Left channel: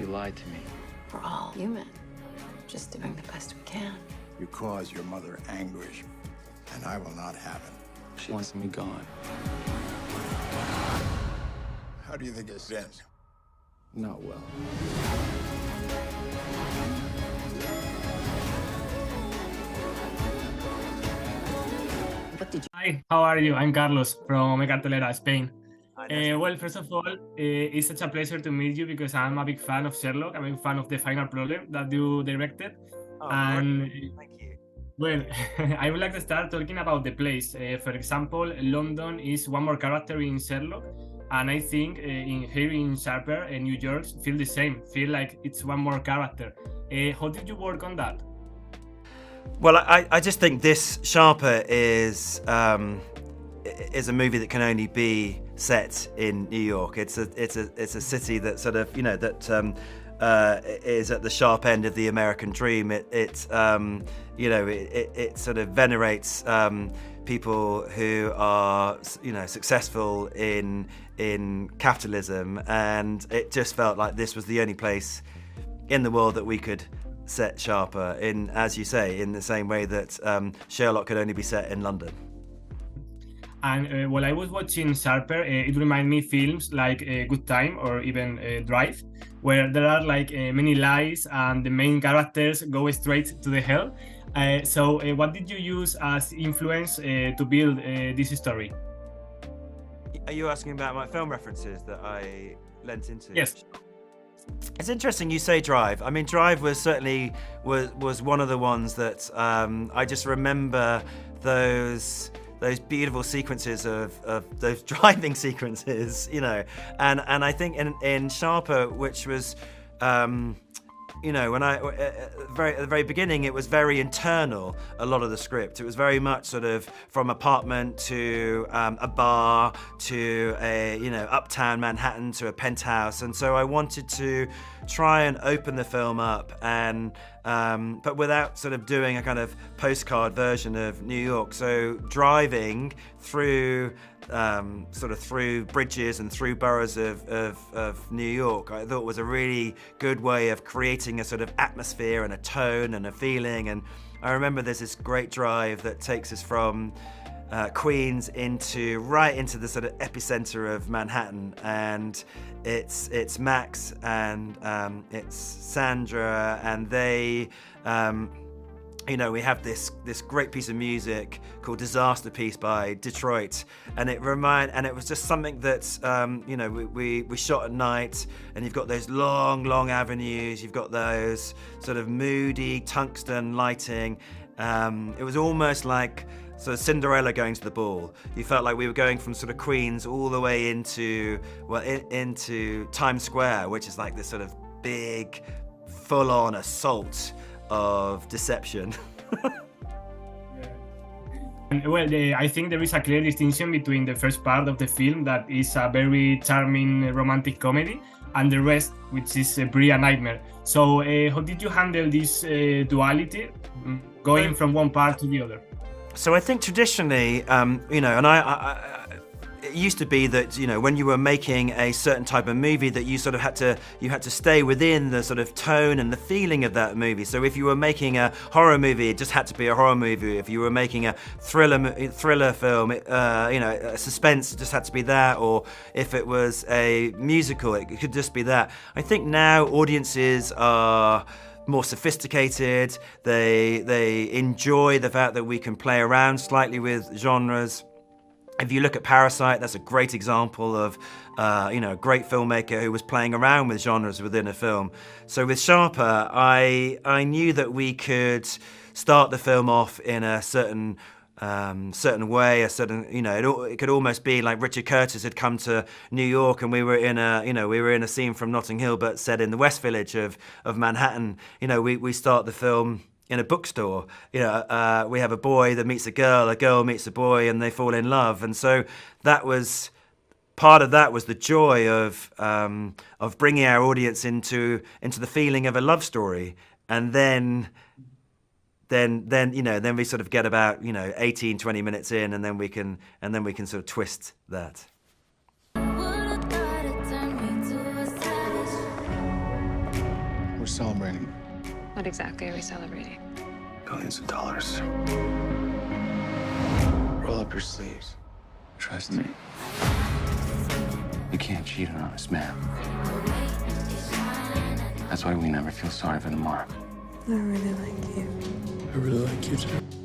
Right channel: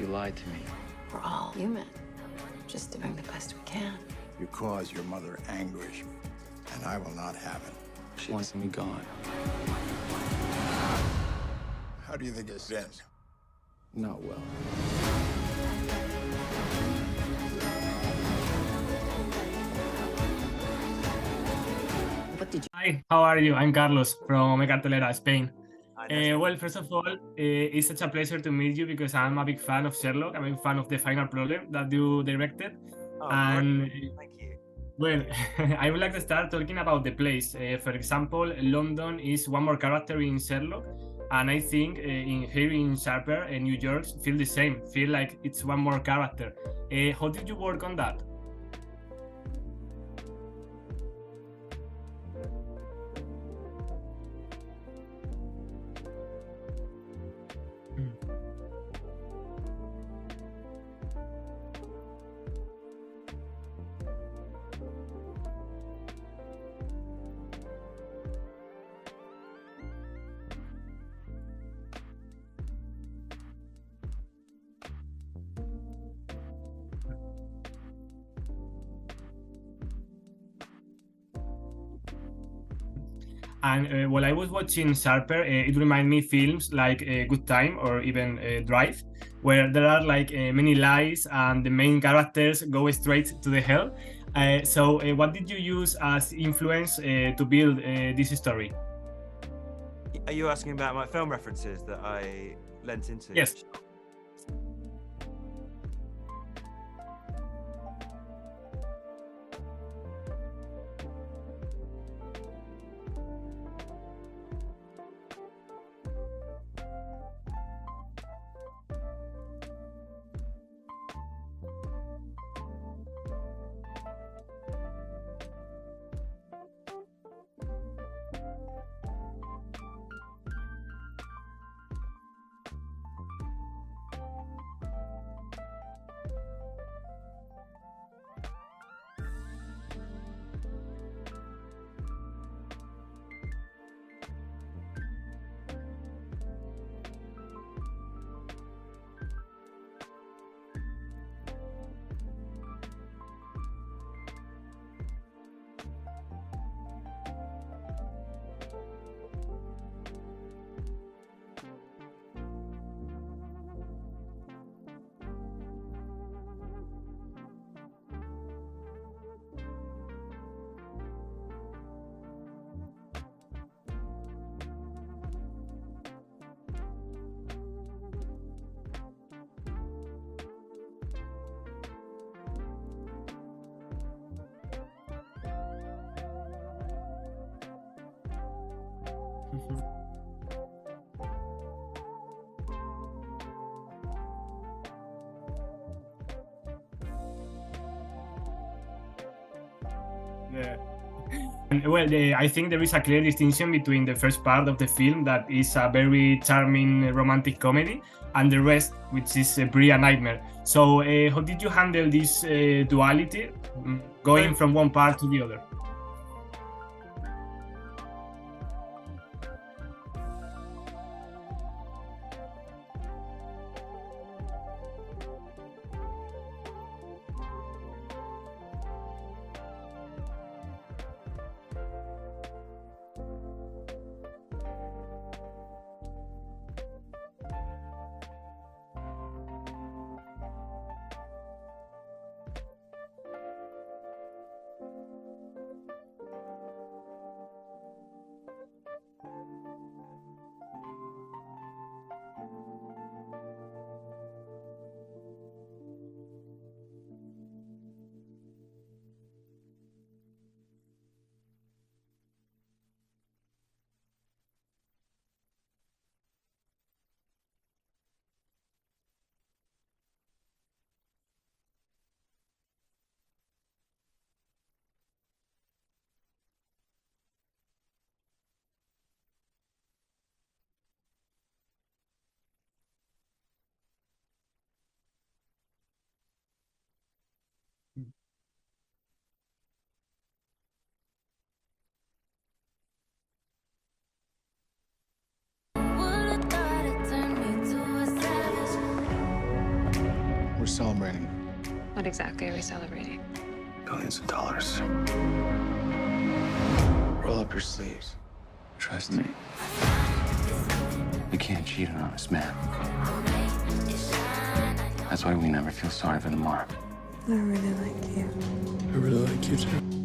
You lied to me. We're all human, just doing the best we can. You cause your mother anguish, and I will not have it. She wants me gone. How do you think this ends? Not well. What did you... Hi, how are you? I'm Carlos from Cartelera, Spain. Hi, nice Well, first of all, it's such a pleasure to meet you because I'm a big fan of Sherlock. I'm a big fan of The Final Problem that you directed. Oh, And great. Thank you. well, I would like to start talking about the place. For example, London is one more character in Sherlock, and I think here in Sharper, New York, feel the same. Feel like it's one more character. How did you work on that? Well, I just think this Sharper is a movie that can only be set in New York. It's a city that sort of is at the sharp end of the American dream. It sort of venerates people who are successful in capitalism, and it just felt like this was the only place in the world that we could set Sharper in, as you say, in the same way that Sherlock could only be set in London. And while I was watching Sharper, it reminded me films like Good Time or even Drive, where there are like many lies and the main characters go straight to the hell. So what did you use as influence to build this story? Are you asking about my film references that I lent into? Yes. It's interesting you say Drive. I mean, Drive was certainly was one of the ones that I just remember those beautiful sequences of those driving sequences, and I think in Sharper, which was when I at the very beginning, it was very internal. A lot of the script, it was very much sort of from apartment to a bar to a uptown Manhattan to a penthouse, and so I wanted to try and open the film up and but without sort of doing a kind of postcard version of New York. So driving through through bridges and through boroughs of New York, I thought was a really good way of creating a sort of atmosphere and a tone and a feeling. And I remember there's this great drive that takes us from Queens right into the sort of epicenter of Manhattan, and it's Max and it's Sandra, and they we have this great piece of music called Disaster Piece by Detroit, and it was just something that we shot at night, and you've got those long avenues, you've got those sort of moody tungsten lighting. It was almost like sort of Cinderella going to the ball. You felt like we were going from sort of Queens all the way into Times Square, which is like this sort of big, full-on assault of deception. Yeah. Well, I think there is a clear distinction between the first part of the film, that is a very charming romantic comedy, and the rest, which is really a nightmare. So how did you handle this duality, going from one part to the other? So I think traditionally, and it used to be that when you were making a certain type of movie, that you sort of had to stay within the sort of tone and the feeling of that movie. So if you were making a horror movie, it just had to be a horror movie. If you were making a thriller film, a suspense, it just had to be that. Or if it was a musical, it could just be that. I think now audiences are more sophisticated. They enjoy the fact that we can play around slightly with genres. If you look at Parasite, that's a great example of a great filmmaker who was playing around with genres within a film. So with Sharper, I knew that we could start the film off in a certain way, it could almost be like Richard Curtis had come to New York, and we were in a scene from Notting Hill, but set in the West Village of Manhattan. We start the film in a bookstore. We have a boy that meets a girl meets a boy, and they fall in love. And so that was part of that, was the joy of bringing our audience into the feeling of a love story. And then we sort of get about 18-20 minutes in, and then we can sort of twist that. We're celebrating What exactly are we celebrating? billions of dollars. Roll up your sleeves. Trust me. You can't cheat an honest man. That's why we never feel sorry for the mark. I really like you. I really like you too.